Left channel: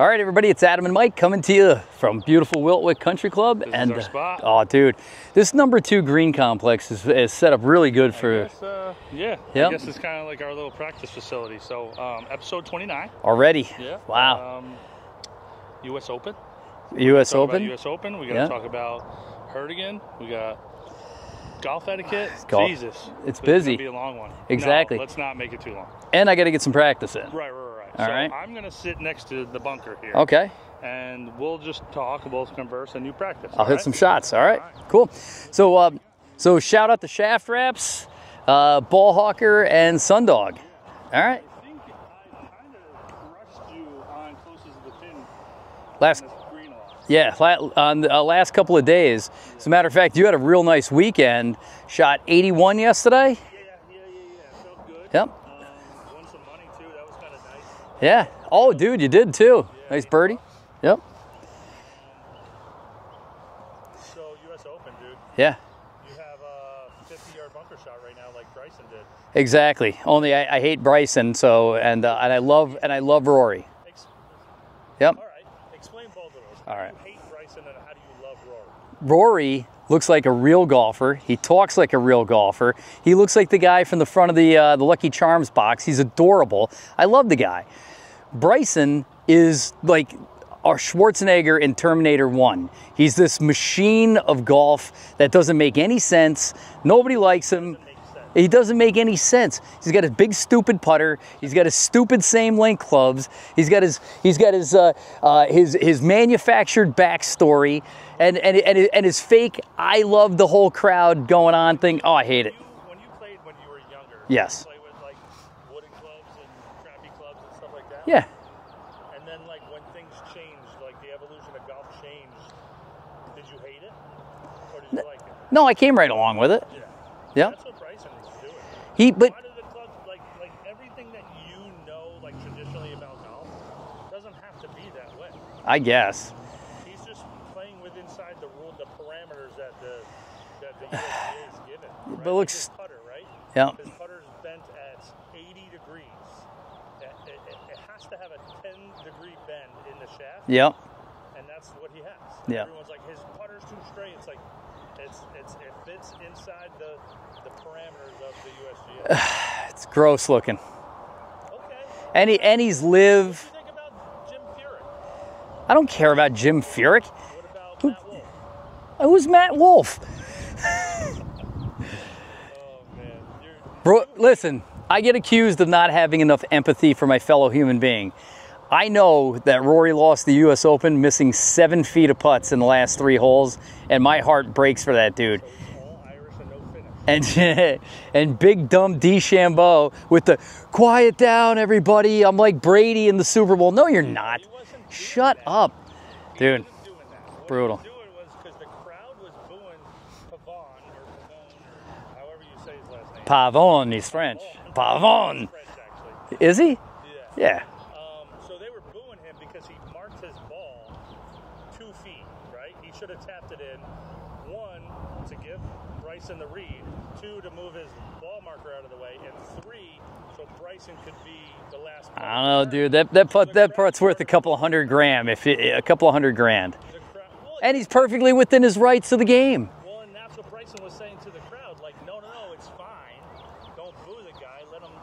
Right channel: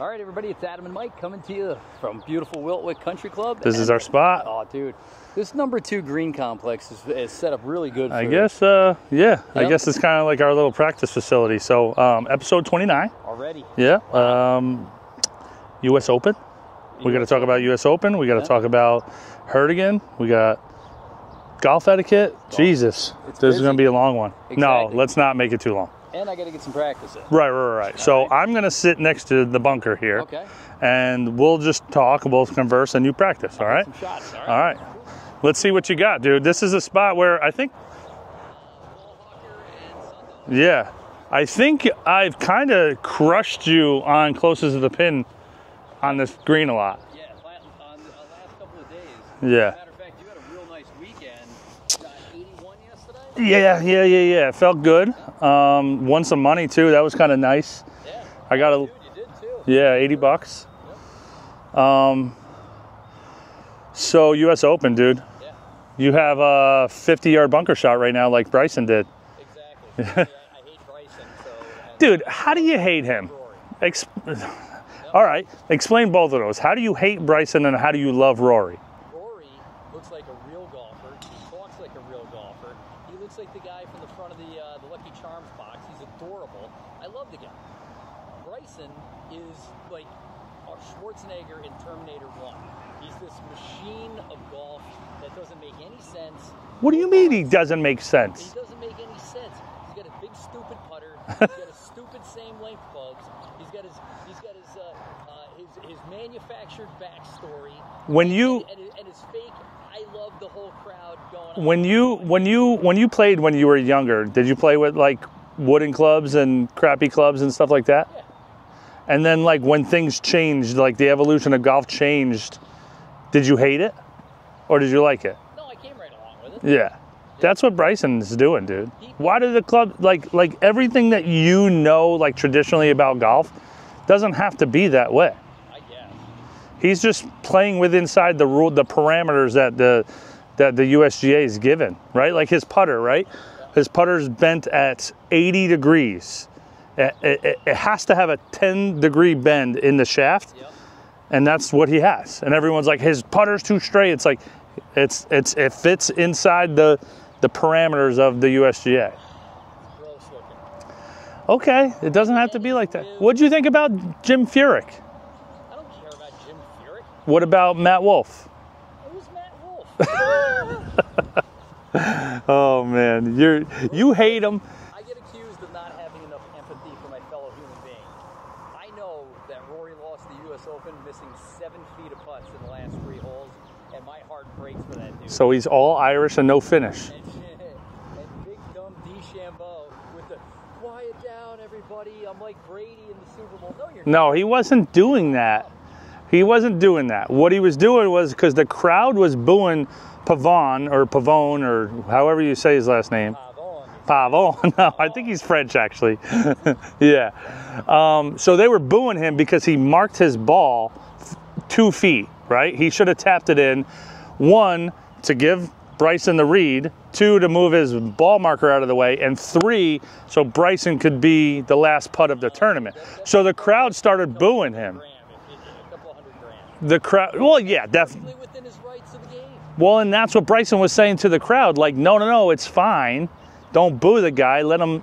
All right, everybody, it's Adam and Mike coming to you from beautiful Wiltwyck Country Club. This is our spot. Oh, dude, this #2 green complex is set up really good for. I guess, yeah. I guess it's kind of like our little practice facility. So, episode 29 already. Yeah. Wow. U.S. Open. We got to talk about U.S. Open. We got to talk about Herdegen. We got golf etiquette. Jesus, it's this busy. is going to be a long one. Exactly. No, let's not make it too long. And I got to get some practice in. Right. So I'm going to sit next to the bunker here. Okay. And we'll just talk, we'll converse, and you practice. I'll hit some shots. All right. All right. Cool. Let's see what you got, dude. So this is a shout out spot to where Shaft I think. Reps, Ball Hawker, and Sundog. Yeah. All right. I think I've kind of crushed you on closest to the pin on this green a lot. Yeah, on the last couple of days. Yeah. As a matter of fact, you had a real nice weekend. Shot 81 yesterday. Yeah. It felt good. Yep. Won some money too. That was kind of nice. Yeah. Dude, you did too. Yeah, nice 80 birdie. bucks. Yep. So U.S. Open, dude. Yeah. You have a 50-yard bunker shot right now, like Bryson did. Exactly. Only I hate Bryson, so and dude, I how love do you hate and I love him? Rory. Yep. All right. Explain both of those. How do you hate Bryson and how do you love Rory? Rory looks like a real golfer. He talks like a real golfer. He looks like the guy from the front of the Lucky Charms box. He's adorable. I love the guy. Bryson is like our Schwarzenegger in Terminator 1. He's this machine of golf that doesn't make any sense. Nobody likes him. He doesn't make sense. He doesn't make any sense. He's got his big stupid putter. He's got his stupid same length clubs. He's got his manufactured backstory and his fake I love the whole crowd going on thing. I hate it. When you played when you were younger, did you play with like wooden clubs and crappy clubs and stuff like that? Yeah. And then like when things changed, like the evolution of golf changed, did you hate it? Or did you like it? No, I came right along with it. Yeah. Yep. That's what Bryson's doing, dude. But why did the club, like everything that you know, like traditionally about golf, doesn't have to be that way. I guess. He's just playing with inside the parameters that the USGA is given, right? Like his putter, right? Yeah. His putter's bent at 80 degrees. It has to have a 10-degree bend in the shaft. Yep. And that's what he has. And everyone's like, his putter's too straight. It's like, it fits inside the parameters of the USGA. It's gross looking. Okay, it doesn't have to be like that. What'd you think about Jim Furyk? I don't care about Jim Furyk. What about Matt Wolff? Who's Matt Wolff? Oh man, you hate him. I get accused of not having enough empathy for my fellow human being. I know that Rory lost the U.S. Open missing 7 feet of putts in the last 3 holes, and my heart breaks for that dude. So he's all Irish and no finish. And big dumb DeChambeau with the quiet down, everybody. I'm like Brady in the Super Bowl. No, you're not. No, he wasn't doing that. Shut up. He wasn't doing that. What he was doing was because the crowd was booing Pavone or however you say his last name. Pavone, he's French. Pavone. No, I think he's French actually. Is he? Yeah. Yeah. So they were booing him because he marked his ball 2 feet, right? He should have tapped it in. 1, to give Bryson the read. 2, to move his ball marker out of the way. And 3, so Bryson could be the last putt of the tournament. Dude, the crowd started booing him. A couple hundred grand. The crowd, well, and yeah. he's perfectly within his rights of the game. Well, and that's what Bryson was saying to the crowd. Like, no, it's fine. Don't boo the guy. Let him,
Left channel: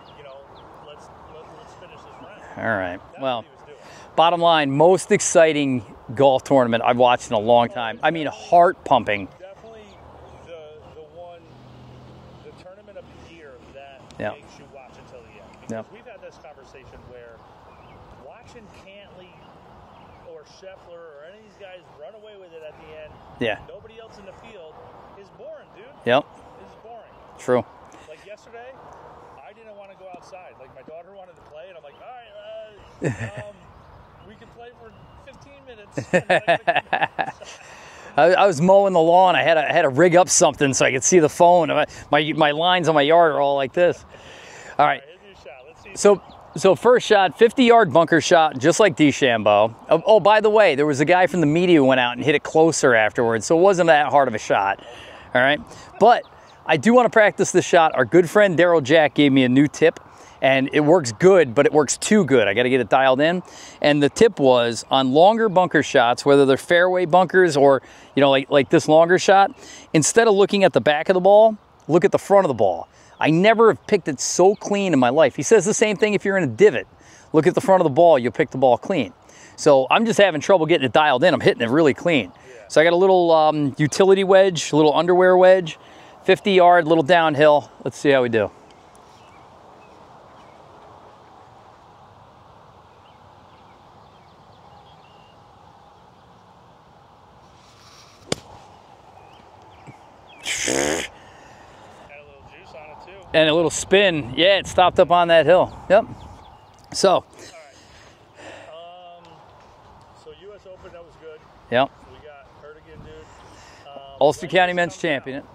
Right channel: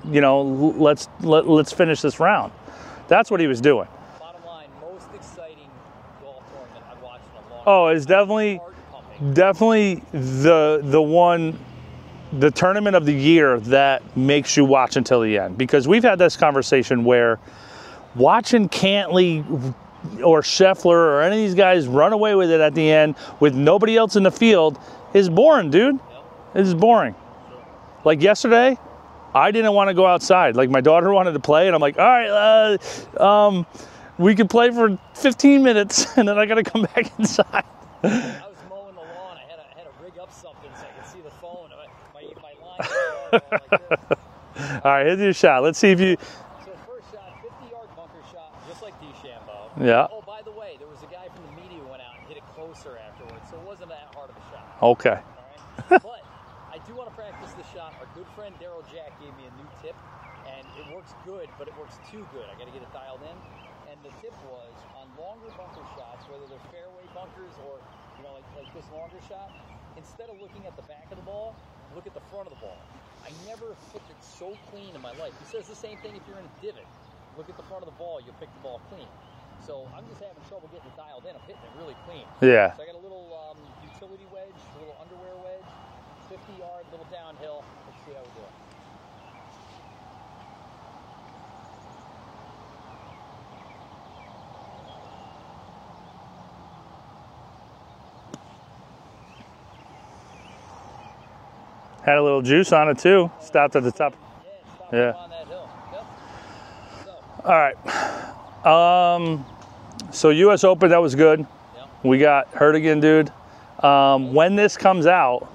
let's finish this round. All right. That's what he was doing. Bottom line, most exciting golf tournament I've watched in a long time. Oh, it's definitely heart pumping. Definitely the tournament of the year that makes you watch until the end. Because we've had this conversation where watching Cantley or Scheffler or any of these guys run away with it at the end with nobody else in the field is boring, dude. Yep. It is boring. True. Like yesterday, I didn't want to go outside. Like my daughter wanted to play, and I'm like, all right, we could play for 15 minutes, and then I got to come back inside. I was mowing the lawn. I had to rig up something so I could see the phone. My lines on my yard are all like this. All right, here's your shot. Let's see if you... So first shot, 50-yard bunker shot, just like DeChambeau. Yeah. Oh, by the way, there was a guy from the media who went out and hit it closer afterwards, so it wasn't that hard of a shot. Okay. All right? But I do want to practice this shot. Our good friend Daryl Jack gave me a new tip, And it works good, but it works too good. I got to get it dialed in. And the tip was on longer bunker shots, whether they're fairway bunkers or, you know, like this longer shot, instead of looking at the back of the ball, look at the front of the ball. I never have picked it so clean in my life. He says the same thing if you're in a divot. Look at the front of the ball, you'll pick the ball clean. So I'm just having trouble getting it dialed in. I'm hitting it really clean. Yeah. So I got a little utility wedge, a little underwear wedge, 50 yard, little downhill. Let's see how we do. Had a little juice on it too. And a little spin. Yeah, it stopped up on that hill. Yep. So. All right. So U.S. Open, that was good. Yep. We got Herdegen, dude. When this comes out,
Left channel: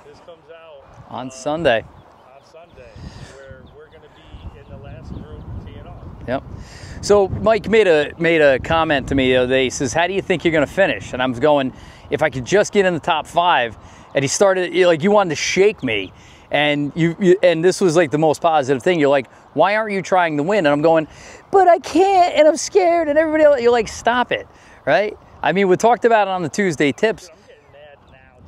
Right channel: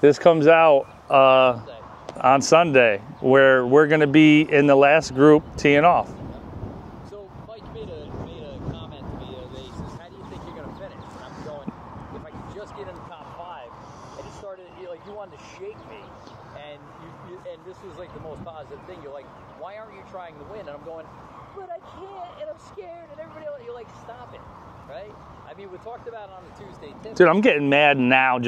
this comes out on Sunday. On Sunday, where we're going to be in the last group teeing off. Yep. So Mike made a comment to me the other day. He says, "How do you think you're going to finish?" And I was going, "If I could just get in the top 5." And he started like, you wanted to shake me, and and this was like the most positive thing. You're like, "Why aren't you trying to win?" And I'm going, "But I can't, and I'm scared." And everybody else, you're like, "Stop it," right? I mean, we talked about it on the Tuesday tips. Dude, I'm getting mad now.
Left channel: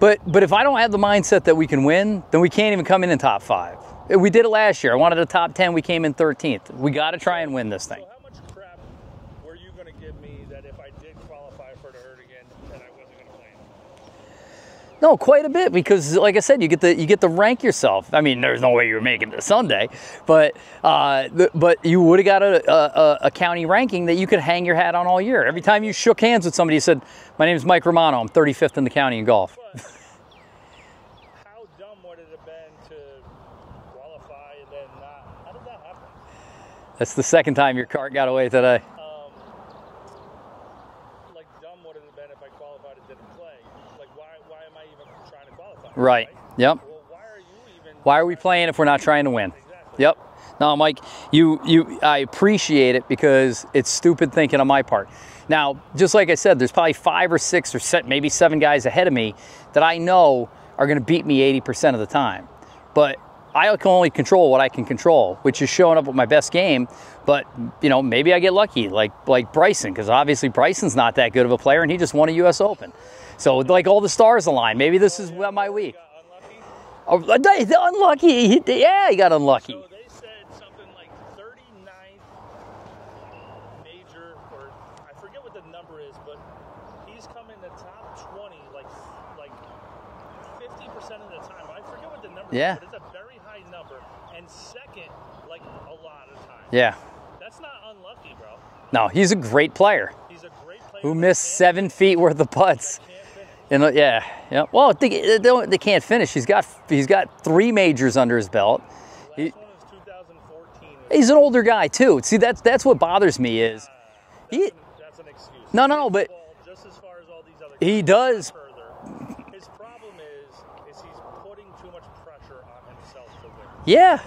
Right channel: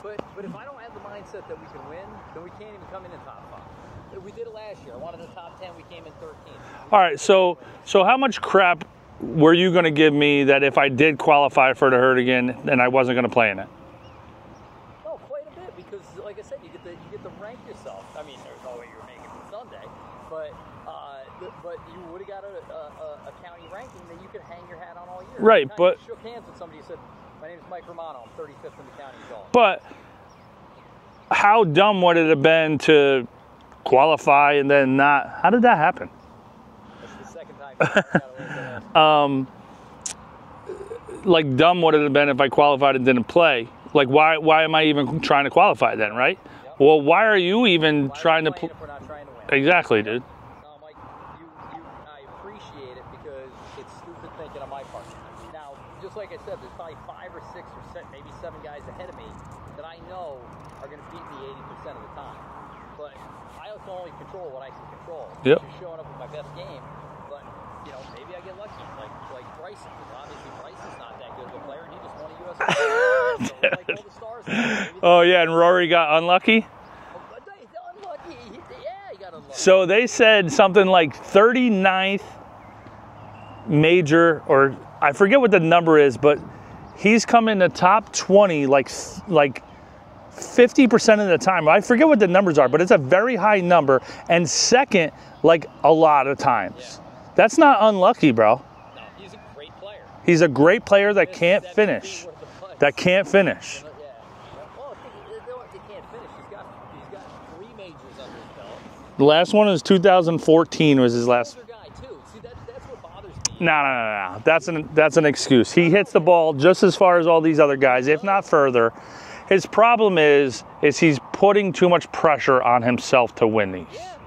But if I don't have the mindset that we can win, then we can't even come in top 5. We did it last year. I wanted a top 10. We came in 13th. We got to try and win this thing. So how much crap were you going to give me that if I did qualify for the Herdegen, then I wasn't going to play in it? No, quite a bit, because like I said, you get to rank yourself. I mean, there's no way you were making it Sunday, but you would have got a county ranking that you could hang your hat on all year. Right, Anytime you shook hands with somebody, you said, "My name is Mike Romano. I'm 35th in the county in golf." But how dumb would it have been to qualify and then not? How did that happen? That's the second time your cart got away today. Like dumb would it have been if I qualified and didn't play? Like, why am I even trying to qualify then, right? Yep. Well, why are you even Why are we playing if we're not trying to win? Exactly, yep. Dude. No, Mike, I appreciate it because it's stupid thinking on my part. Now, just like I said, there's probably 5 or 6 or maybe 7 guys ahead of me that I know are going to beat me 80% of the time. But I can only control what I can control, which is showing up with my best game. But, you know, maybe I get lucky, like Bryson, because obviously Bryson's not that good of a player, and he just won a U.S. Open. So, like, all the stars align. Maybe this is... Oh, yeah, and Rory got unlucky? Oh, unlucky. He got unlucky. So they said something like 39th major, or I forget what the number is, but he's come in the top 20 like 50% of the time. I forget what the numbers are, but it's a very high number. And second, like a lot of times. Yeah. That's not unlucky, bro. No, he's a great player. He's a great player that can't 7 finish. feet worth of putts. That can't finish. And, yeah. Well, they can't finish. He's got 3 majors under his belt. The last one was 2014. He's an older guy too. See, that's what bothers me. Is no. That's an excuse. He hits the ball just as far as all these other guys, if not further. His problem is he's putting too much pressure on himself to win these. Yeah.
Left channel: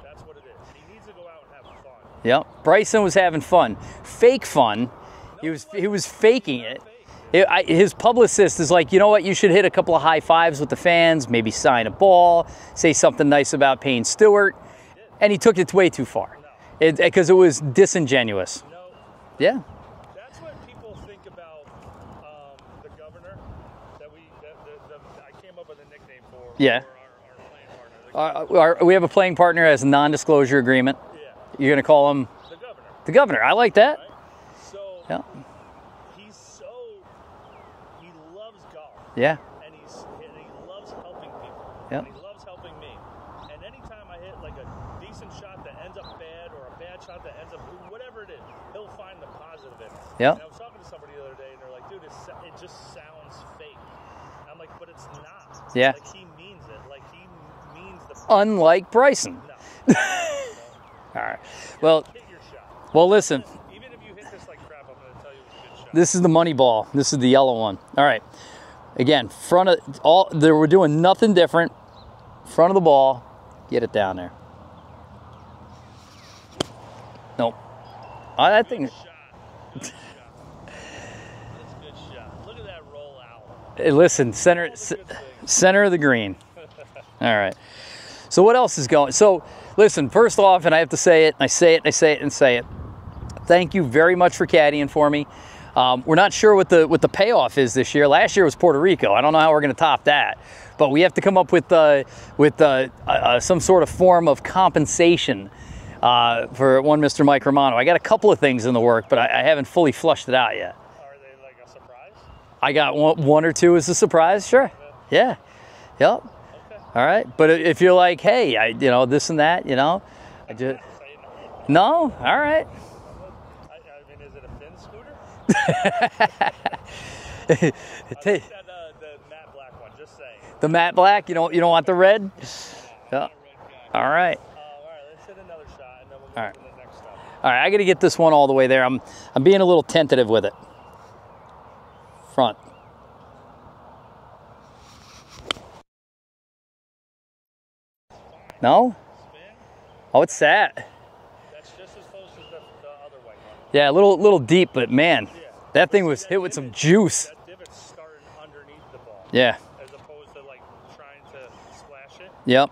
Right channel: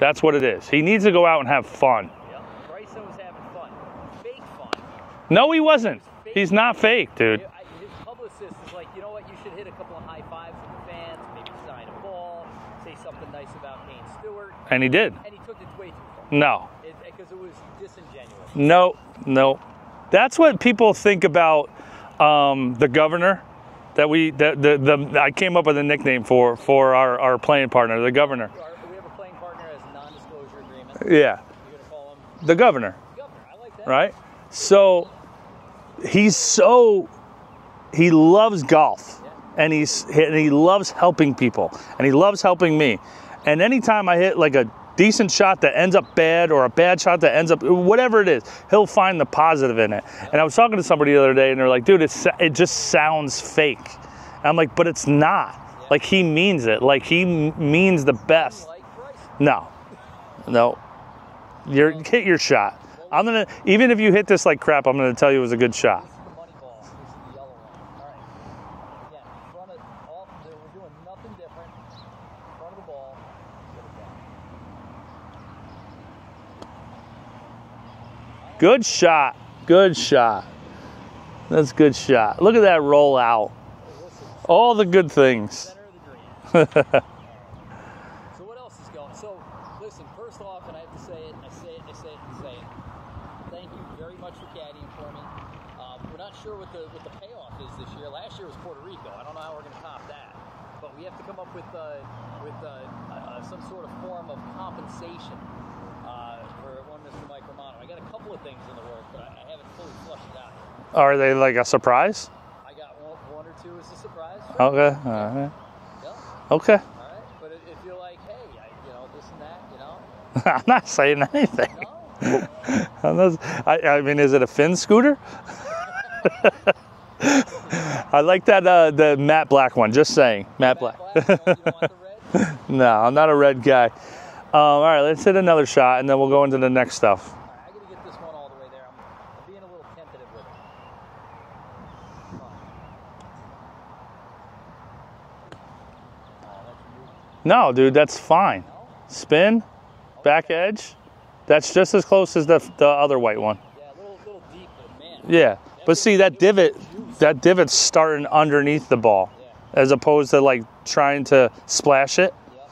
That's what it is. He needs to go out and have fun. Yep. Bryson was having fun. Fake fun. No, he wasn't. He was faking. He's not fake, dude. His publicist is like, you know what? You should hit a couple of high fives with the fans, maybe sign a ball, say something nice about Payne Stewart. And he did. And he took it way too far. No. Because it was disingenuous. No. Yeah. That's what people think about the governor. I came up with a nickname for our playing partner, the governor. We have a playing partner as a non-disclosure agreement. Yeah. You're going to call him? The governor. The governor. I like that. Right? So he loves golf. Yeah. And he loves helping people. Yeah. And he loves helping me. And anytime I hit like a decent shot that ends up bad or a bad shot that ends up, whatever it is, he'll find the positive in it. Yep. And I was talking to somebody the other day and they're like, dude, it just sounds fake. And I'm like, but it's not. Yeah. Like he means it. Like he means the best. Unlike Bryson. No. No. All right. Hit your shot. Well, listen. Even if you hit this like crap, I'm going to tell you it was a good shot. This is the money ball. This is the yellow one. All right. Again, we're doing nothing different. Front of the ball. Get it down there. Nope. Good shot. Good shot. That's a good shot. Look at that roll out. Hey, listen. All the good things. Center of the green. All right. So what else is going? So Listen, first off, and I have to say it, and I say it, and I say it, and say it. Thank you very much for caddying for me. We're not sure what the payoff is this year. Last year was Puerto Rico. I don't know how we're going to top that, but we have to come up with some sort of form of compensation for one Mr. Mike Romano. I got a couple of things in the work, but I haven't fully flushed it out yet. Are they like a surprise? I got one or two as a surprise, sure. Okay. Yeah. Right. Yep. Okay. All right. But if you're like, hey, this and that, I'm not saying anything. No? All right. I mean, is it a Finn scooter? I like that the matte black one. Just saying. The matte black? You don't want the red? No, I'm not a red guy. All right. All right. Let's hit another shot, and then we'll go into the next stuff. All right. I got to get this one all the way there. I'm being a little tentative with it. Front. No, dude, that's fine. No? Spin. Oh, it's back sad. edge. That's just as close as the other white one. Yeah, a little deep, but man. Yeah. That but thing see, was that hit with some divot, juice. That divot's starting underneath the ball. Yeah. As opposed to like trying to splash it. Yep.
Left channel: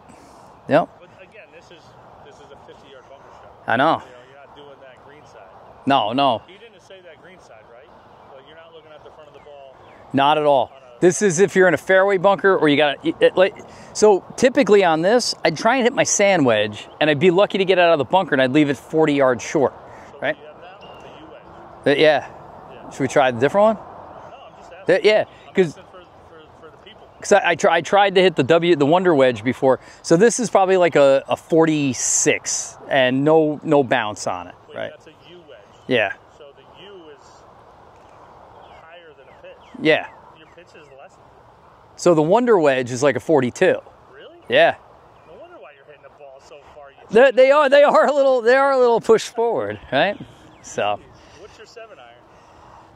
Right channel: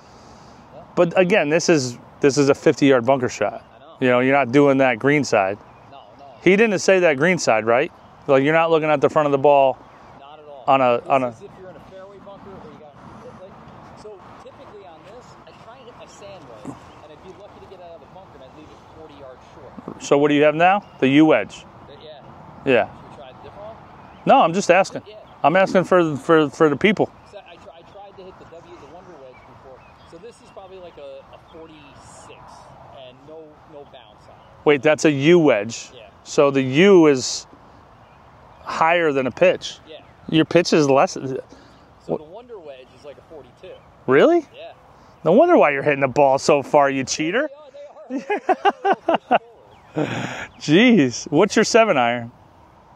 But again, this is a 50-yard bunker shot. I know. You're not doing that green side. No. He didn't say that green side, right? Like you're not looking at the front of the ball. Not at all. This is if you're in a fairway bunker or you got to. So typically on this, I'd try and hit my sand wedge, and I'd be lucky to get out of the bunker, and I'd leave it 40 yards short. So what do you have now? The U wedge. Yeah. Yeah. Should we try the different one? No, I'm just asking. Yeah. I'm asking for the people. Because I tried to hit the Wonder Wedge before. So this is probably like a 46 and no bounce on it. Wait, that's a U wedge. Yeah. So the U is higher than a pitch. Yeah. Your pitch is less. So the Wonder Wedge is like a 42. Really? Yeah. No wonder why you're hitting the ball so far, you cheater. They are a little pushed forward, right? Jeez. So. What's your 7-iron?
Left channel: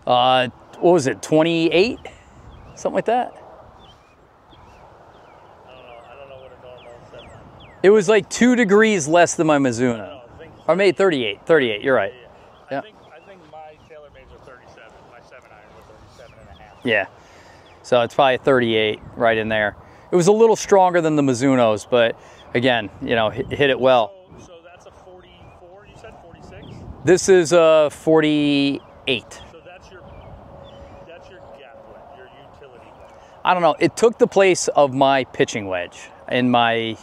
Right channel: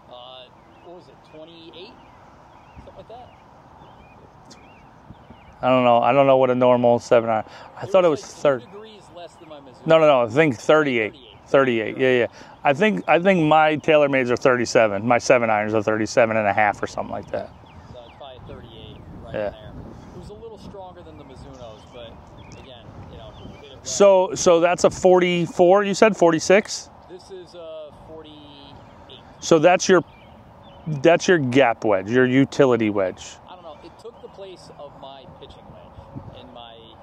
What was it, 28? Something like that? I don't know. I don't know what a normal 7-iron. It was like 2 degrees less than my Mizuno. No. I think 38. 38. You're right. Yeah. I think my TaylorMades are 37. My 7-irons are 37 and a half or something like that. So it's probably 38 right in there. It was a little stronger than the Mizunos, but again, hit it well. So that's a 44, you said? 46? This is a 48. So that's your gap wedge, your utility wedge. I don't know. It took the place of my pitching wedge in my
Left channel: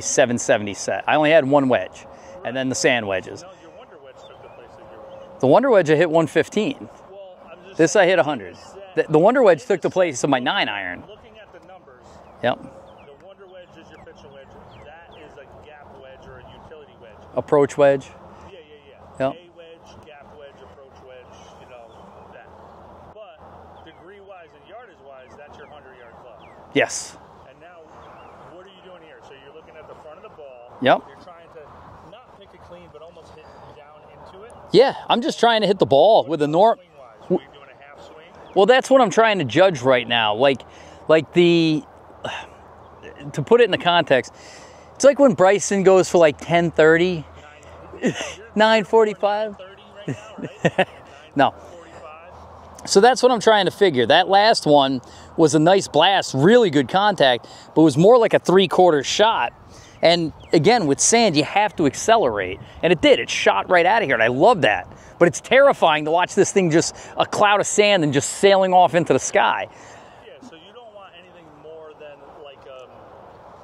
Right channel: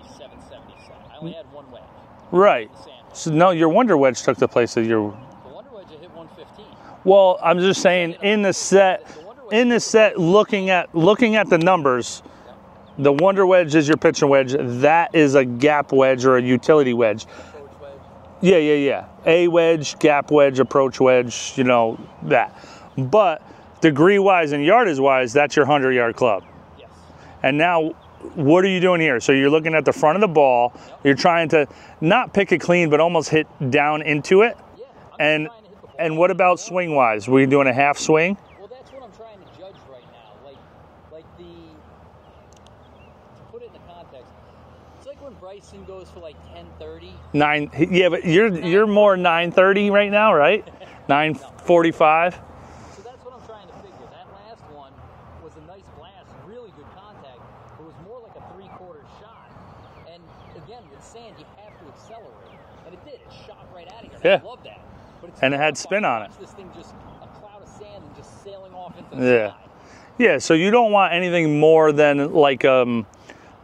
770 set. I only had one wedge. Right. And then the sand wedge. So, no, your Wonder Wedge took the place of your... The Wonder Wedge, I hit 115. Well, I'm just saying, I hit 100. in the set... The Wonder Wedge took the place of my 9-iron. Looking at the numbers, yep. The Wonder Wedge is your pitching wedge. That is a gap wedge or a utility wedge. Approach wedge? Yeah. Yep. A wedge, gap wedge, approach wedge, that. But degree-wise and yardage-wise, that's your 100-yard club. Yes. And now, what are you doing here? So you're looking at the front of the ball. Yep. You're trying to not pick it clean, but almost hit down into it. Yeah, I'm just trying to hit the ball. And what about swing-wise? Were you doing a half swing? Well, that's what I'm trying to judge right now. To put it in the context, it's like when Bryson goes for like 10:30. Yeah, but you're more 9:30 right now, right? 9:45. So that's what I'm trying to figure. That last one was a nice blast, really good contact, but it was more like a 3/4 shot. And again, with sand, you have to accelerate. And it did. It shot right out of here, and I love that. But it's terrifying to watch this thing just a cloud of sand and just sailing off into the sky. Yeah, so you don't want anything more than like a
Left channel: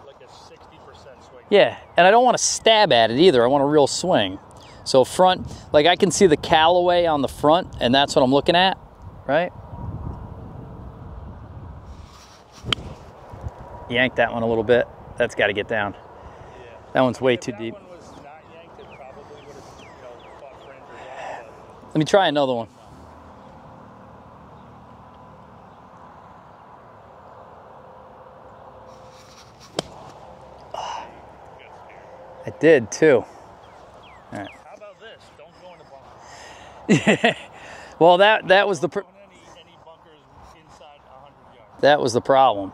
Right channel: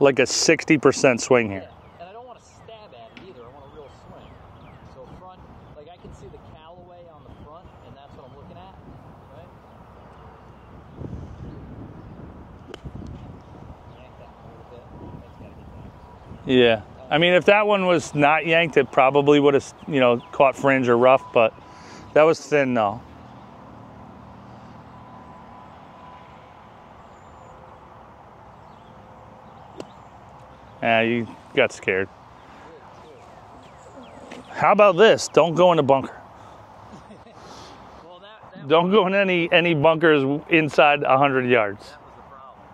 60% swing. Yeah, and I don't want to stab at it either. I want a real swing. So front, like I can see the Callaway on the front, and that's what I'm looking at, right? Yank that one a little bit. That's got to get down. Yeah. That one's I mean, way if too that deep. one was not yanked, it probably would have, caught fringe or rough, but let me try that was another thin, one. though. Yeah, you got scared. I did too. How about this? Don't go in the bunker. Well, that was Don't go in any bunkers inside 100 yards. That was the problem.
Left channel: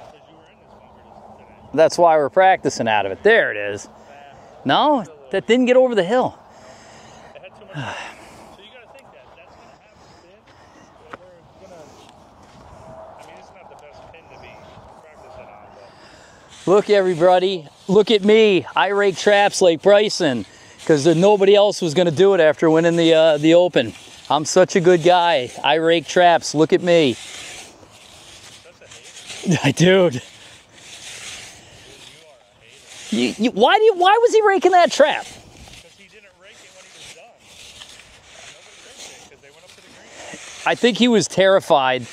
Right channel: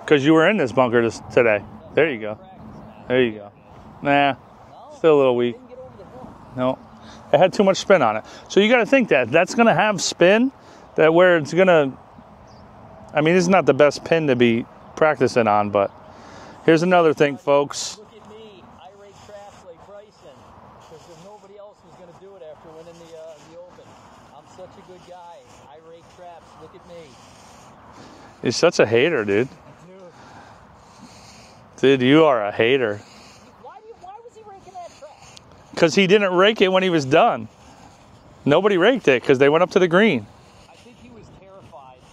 Because you were in this bunker today. That's There why you we're go. practicing out of it. There it is. Nah. No, Still a little that weak. didn't get over the hill. No. It had too much spin on it. So you got to think that's going to have spin, that where it's going to, I mean, this is not the best pin to be practicing on, but here's Look, another everybody, thing, folks. look at me. I rake traps like Bryson because nobody else was going to do it after winning the Open. I'm such a good guy. I rake traps. Look at me. You're such a hater, dude. Dude. Dude, you are a hater. Why was he raking that trap? Because he didn't rake it when he was done. Nobody raked it because they went up to the green. I think he was terrified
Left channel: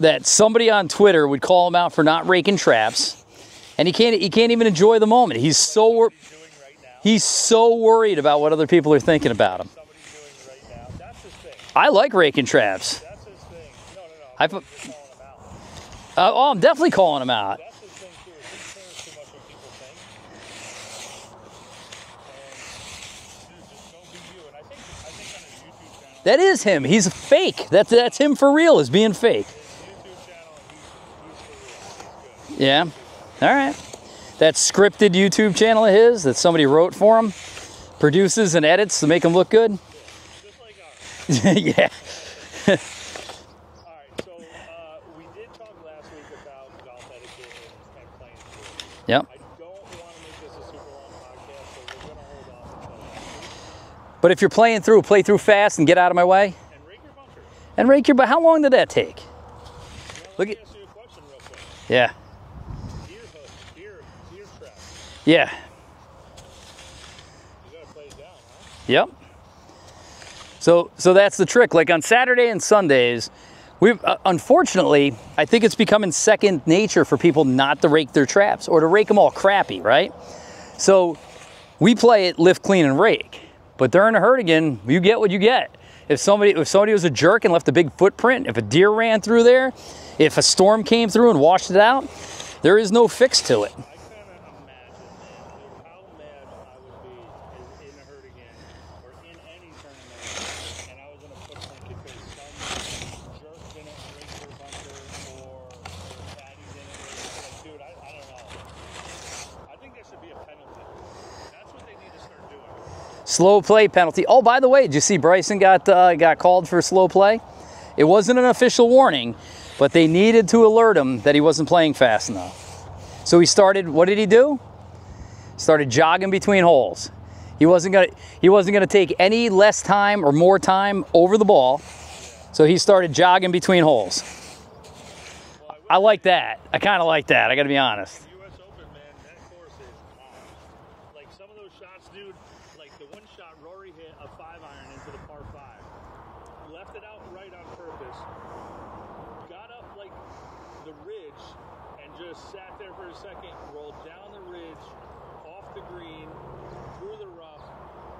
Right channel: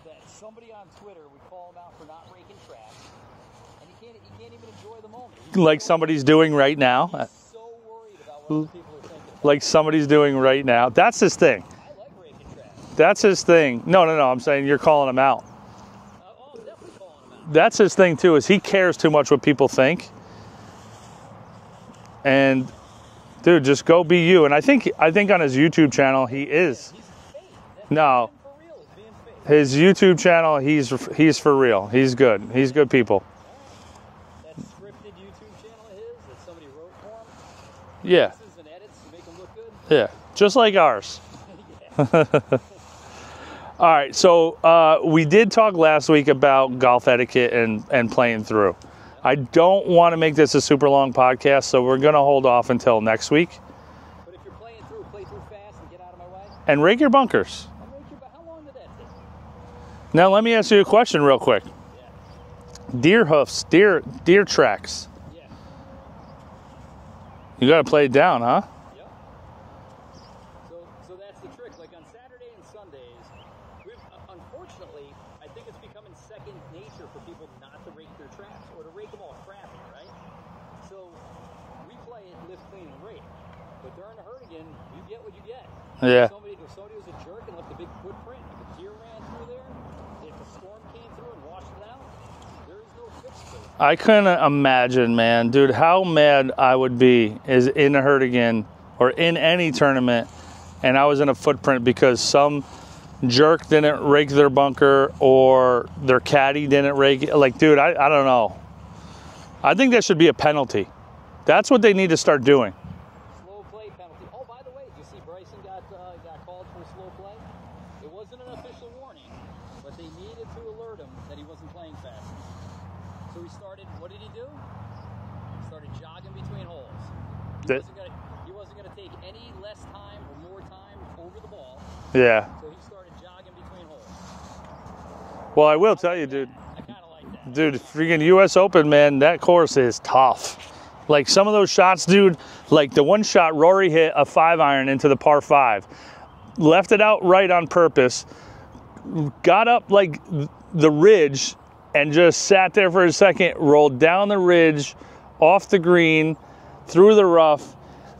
that somebody on Twitter would call him out for not raking traps, and he can't even enjoy the moment. He's like so somebody's doing right now. He's so worried about what other people are thinking about like him. somebody's doing right now. That's his thing. I like raking traps. That's his thing. No. I'm saying you're calling him out. I'm definitely calling him out. That's his thing too. Is he cares too much what people think. And dude, just go be you. And I think on his YouTube channel, that is him. He's fake. That's him for real. Is being fake. His YouTube channel, he's for real. He's good. He's good people. All right. That scripted YouTube channel of his that somebody wrote for him, produces and edits to make him look good. Yeah, just like ours. Yeah. All right. So we did talk last week about golf etiquette and playing through. Yep. I don't want to make this a super long podcast, so we're going to hold off until next week. But if you're playing through, play through fast and get out of my way. And rake your bunkers. But how long did that take? Now, let me ask you a question real quick. Yeah. Deer hoofs, deer tracks. Yeah. You got to play it down, huh? Yep. So that's the trick. Like on Saturday and Sundays, we've unfortunately, I think it's becoming second nature for people not to rake their traps or to rake them all crappy, right? So we play it lift, clean, and rake. But during a Herdegen, you get what you get. Yeah. If somebody was a jerk and left a big footprint, if a deer ran through there, if a storm came through and washed it out, there is no fix to it. I couldn't imagine, man. Dude, how mad I would be is in a Herdegen or in any tournament, and I was in a footprint because some jerk didn't rake their bunker or their caddy didn't rake it. Like, dude, I don't know. I think that should be a penalty. That's what they need to start doing. Slow play penalty. Oh, by the way, did you see Bryson got called for slow play? It wasn't an official warning, but they needed to alert him that he wasn't playing fast enough. So he started, what did he do? Started jogging between holes. He wasn't gonna take any less time or more time over the ball. Yeah. So he started jogging between holes. Well, I will tell like you, that. Dude, I kind of like that. I gotta be honest. Freaking U.S. Open, man, that course is tough. Like some of those shots, dude, like the one shot Rory hit a 5-iron into the par 5, left it out right on purpose, got up like the ridge and just sat there for a second, rolled down the ridge, off the green, through the rough,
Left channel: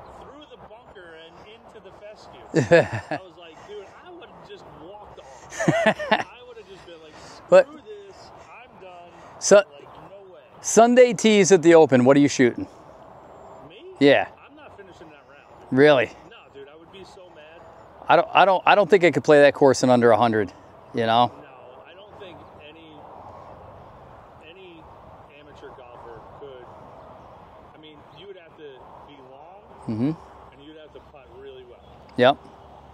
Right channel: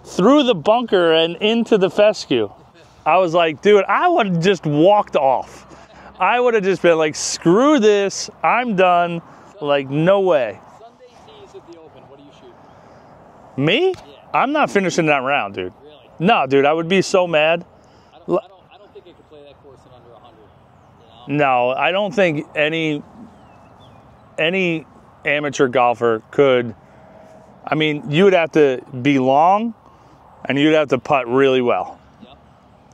through the bunker and into the fescue. I was like, dude, I would have just walked off. I would have just been like, screw this, I'm done. So, like, no way. Sunday tees at the Open, what are you shooting? Me? Yeah. I'm not finishing that round, dude. Really? No, dude, I would be so mad. I don't think I could play that course in under 100, you know? No, I don't think any amateur golfer could. I mean, you would have to be long, and you'd have to putt really well. Yep.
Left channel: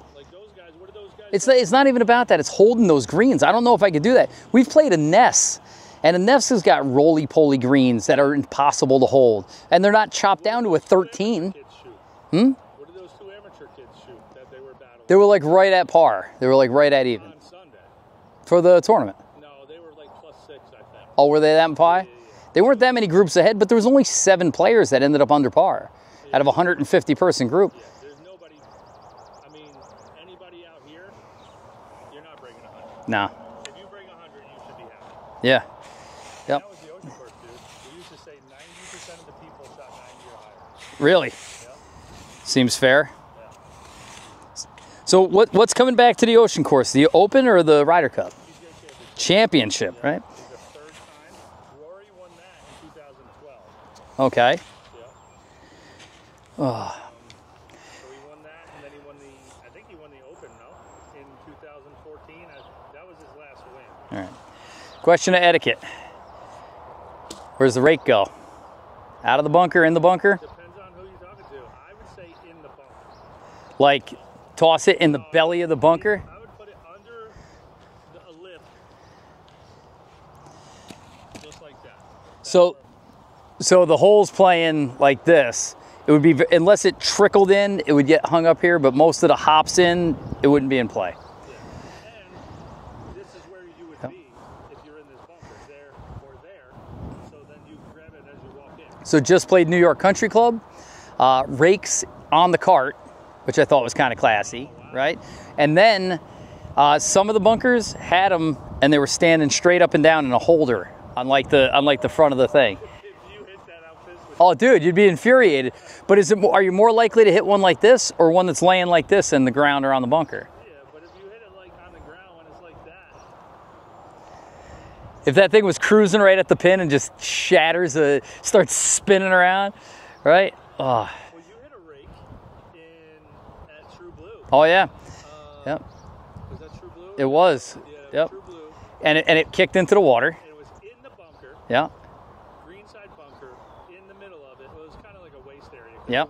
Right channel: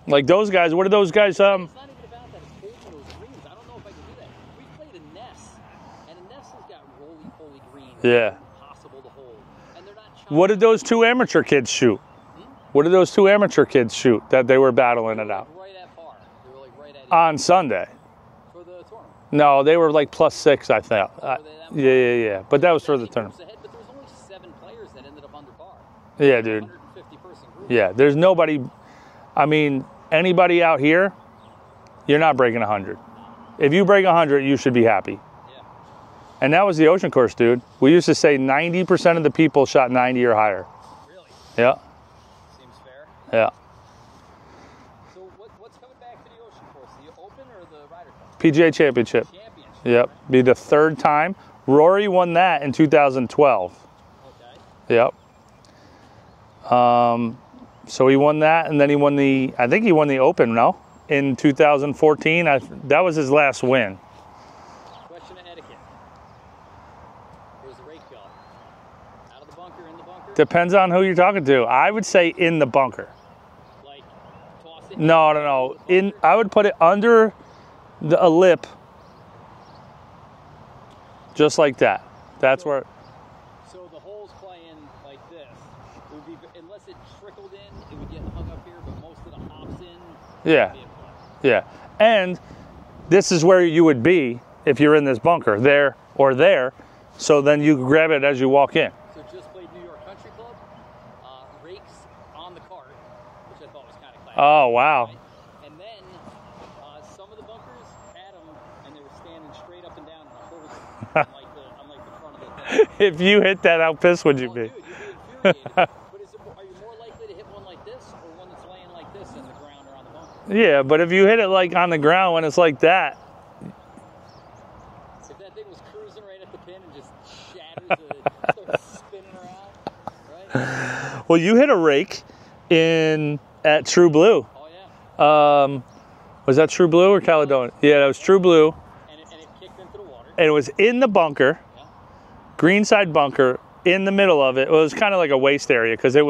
Like those guys, what are those guys? It's not even about that. It's holding those greens. I don't know if I could do that. We've played a Ness, and a Ness has got roly-poly greens that are impossible to hold, and they're not chopped What down did those to two 13. amateur kids shoot? What did those two amateur kids shoot that they were battling? They were like right at par. They were like right at even. On Sunday. For the tournament. No, they were like +6, I thought. Oh, were they that par? Yeah. But they weren't that many groups ahead, but there was only 7 players that ended up under par out of a 150-person group. Yeah, there's nobody. I mean, anybody out here, you're not breaking 100. No. If you break 100, you should be happy. Yeah. And that was the ocean course, dude. We used to say 90% of the people shot 90 or higher. Really? Yeah. Seems fair. Yeah. So what's coming back to the ocean course? The Open or the Ryder Cup? PGA Championship. Championship, right? Be the 3rd time. Rory won that in 2012. Okay. Yep. So he won that, and then he won I think he won the Open, no? In 2014. That was his last win. All right. Question of etiquette. Where's the rake go? Out of the bunker, in the bunker? Depends on who you're talking to. I would say in the bunker. Like toss it in the belly of the bunker? I would put it under a lip just like that. That's So- where. So the hole's playing like this. It would be, unless it trickled in, it would get hung up here, but most of the hops in, it wouldn't be in play. Yeah, and this is where you would be if you're in this bunker, there or there. So then you grab it as you walk in. So just played New York Country Club, rakes on the cart, which I thought was kind of classy. Oh, wow. Right? And then some of the bunkers had them, and they were standing straight up and down in a holder, unlike the front of the thing. If you hit that, how pissed would you Oh, be? dude, you'd be infuriated. But are you more likely to hit one like this, or one that's laying like this in the ground or on the bunker? Yeah, but if you hit it like on the ground when it's like that. If that thing was cruising right at the pin and just shatters, starts spinning around, right? Oh, Well, you hit a rake at True Blue. oh yeah. Yep. Was that True Blue or It Caledonia? was. Yeah, that was Yep. True Blue. And it kicked into the water. And it was in the bunker, Yeah. greenside bunker, in the middle of it. It was kind of like a waste area because Yep.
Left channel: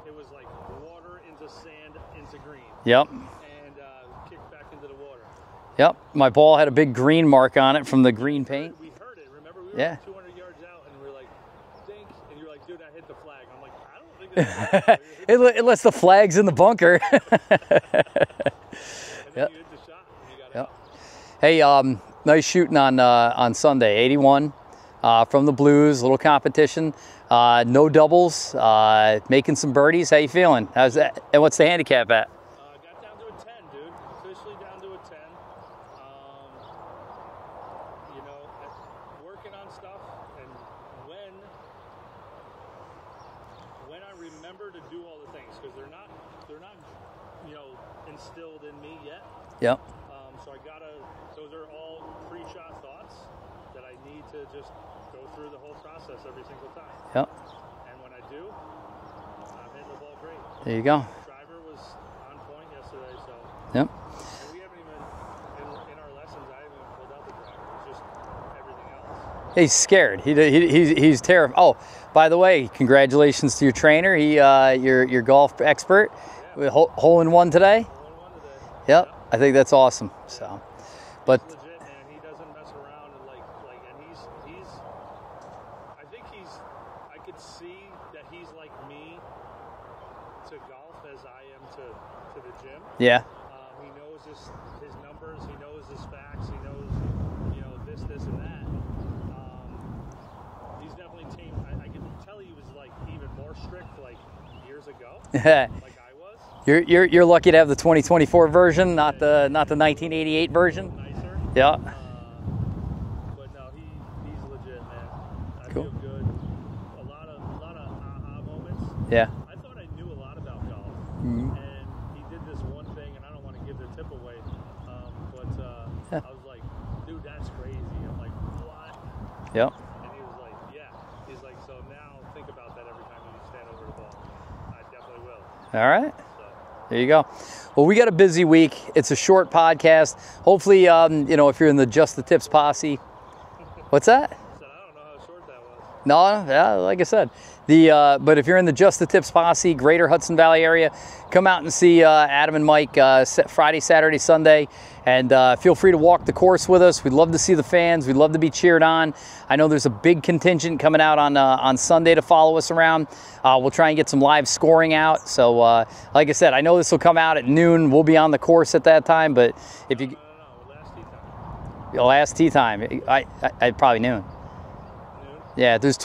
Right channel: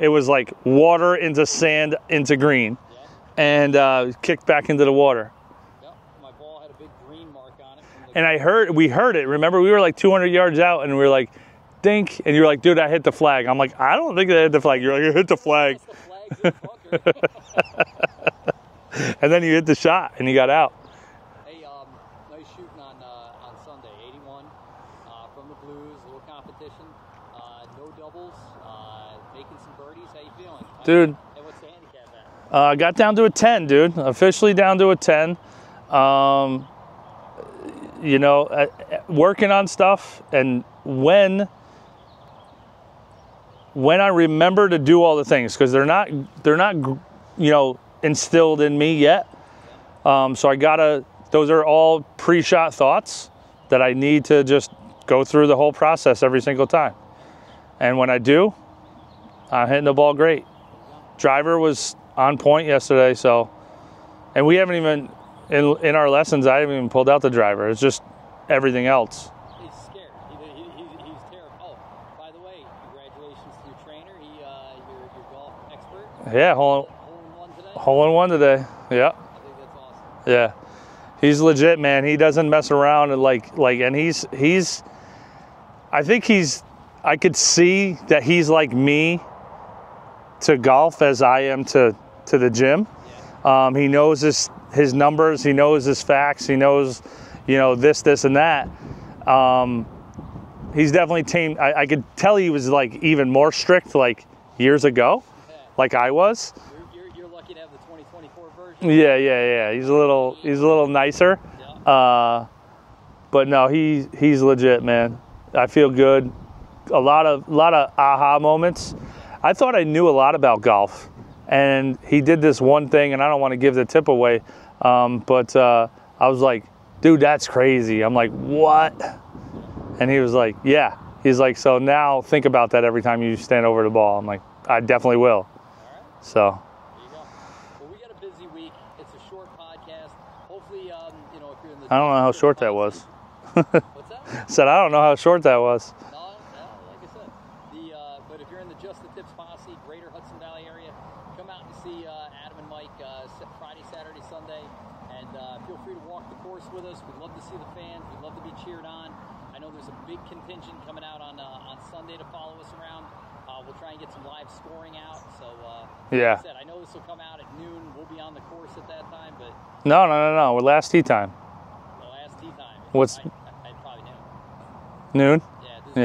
it was like water into sand into green, Yep. and kicked back into the water. Yep. My ball had a big green mark on it from the green. And we heard it. Remember, we were like 200 yards out, and we were like, dink, and you were like, dude, I hit the flag. I'm like, I don't think I hit the flag. You're like, you hit the flag. Unless the flag's in the bunker. And then you hit the shot, and you got out. Hey, nice shooting on Sunday. 81 from the Blues, little competition. No doubles, making some birdies. How you feeling? How's Dude. that? And what's the handicap at? Got down to a 10, dude. Officially down to a 10. Working on stuff, and when I remember to do all the things, because they're not instilled in me yet. Yep. So those are all pre-shot thoughts that I need to just go through the whole process every single time. Yep. And when I do, I'm hitting the ball great. There you go. Driver was on point yesterday, so. Yep. And we haven't even, in our lessons, I haven't even pulled out the driver. It's just everything else. He's scared. He's terrified. Oh, by the way, congratulations to your trainer. Your golf expert. Yeah, Hole in one today. hole in one today. Yep. I think that's awesome. Yeah. He's legit, man. He doesn't mess around, and I could see that he's like me to golf as I am to the gym. Yeah. He knows his numbers, he knows his facts, he knows, this and that. He's definitely tamed. I could tell he was like even more strict like years ago, like I was. You're lucky to have the 2024 version, not the 1988 he's version. a little nicer. Yeah. But no, he's legit, man. I feel good. A lot of aha moments. Yeah. I thought I knew a lot about golf, and he did this one thing, and I don't want to give the tip away, but I was like, dude, that's crazy. I'm like, what? Yep. And he was like, yeah. He's like, so now think about that every time you stand over the ball. I'm like, I definitely will. All right. So there you go. Well, we got a busy week. It's a short podcast. Hopefully, if you're in the Just the Tips posse. What's that? Said I don't know how short that was. No, yeah, like I said. But if you're in the Just the Tips posse, Greater Hudson Valley area, come out and see Adam and Mike Friday, Saturday, Sunday. And feel free to walk the course with us. We'd love to see the fans. We'd love to be cheered on. I know there's a big contingent coming out on Sunday to follow us around. We'll try and get some live scoring out. So, like I said, I know this will come out at noon. We'll be on the course at that time. But No. Last tee time. Last tee time. I'd probably noon. Noon? Yeah, there's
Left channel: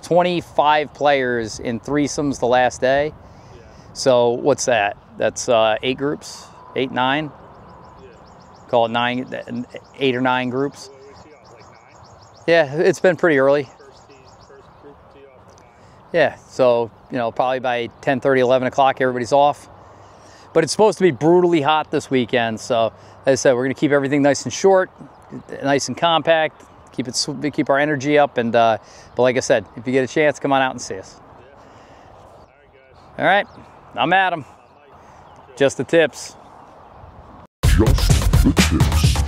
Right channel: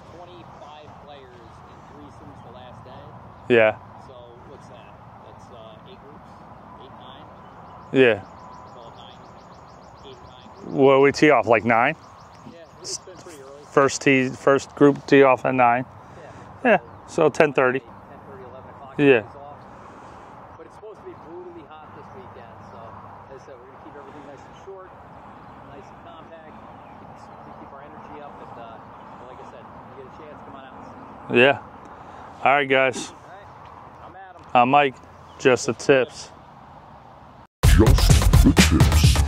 25 players in threesomes the last day. Yeah. So what's that? That's 8 groups, 8, 9. Yeah. Call it 8 or 9 groups. Well, we tee off like 9. Yeah, it's been pretty early. First group tee off at 9. Yeah, so probably by 10:30, 11 o'clock, everybody's off. But it's supposed to be brutally hot this weekend. So as I said, we're going to keep everything nice and short, nice and compact. Keep our energy up, and but like I said, if you get a chance, come on out and see us. Yeah. All right, guys. All right, I'm Adam. I'm Mike. Just the tips. Just the Tips.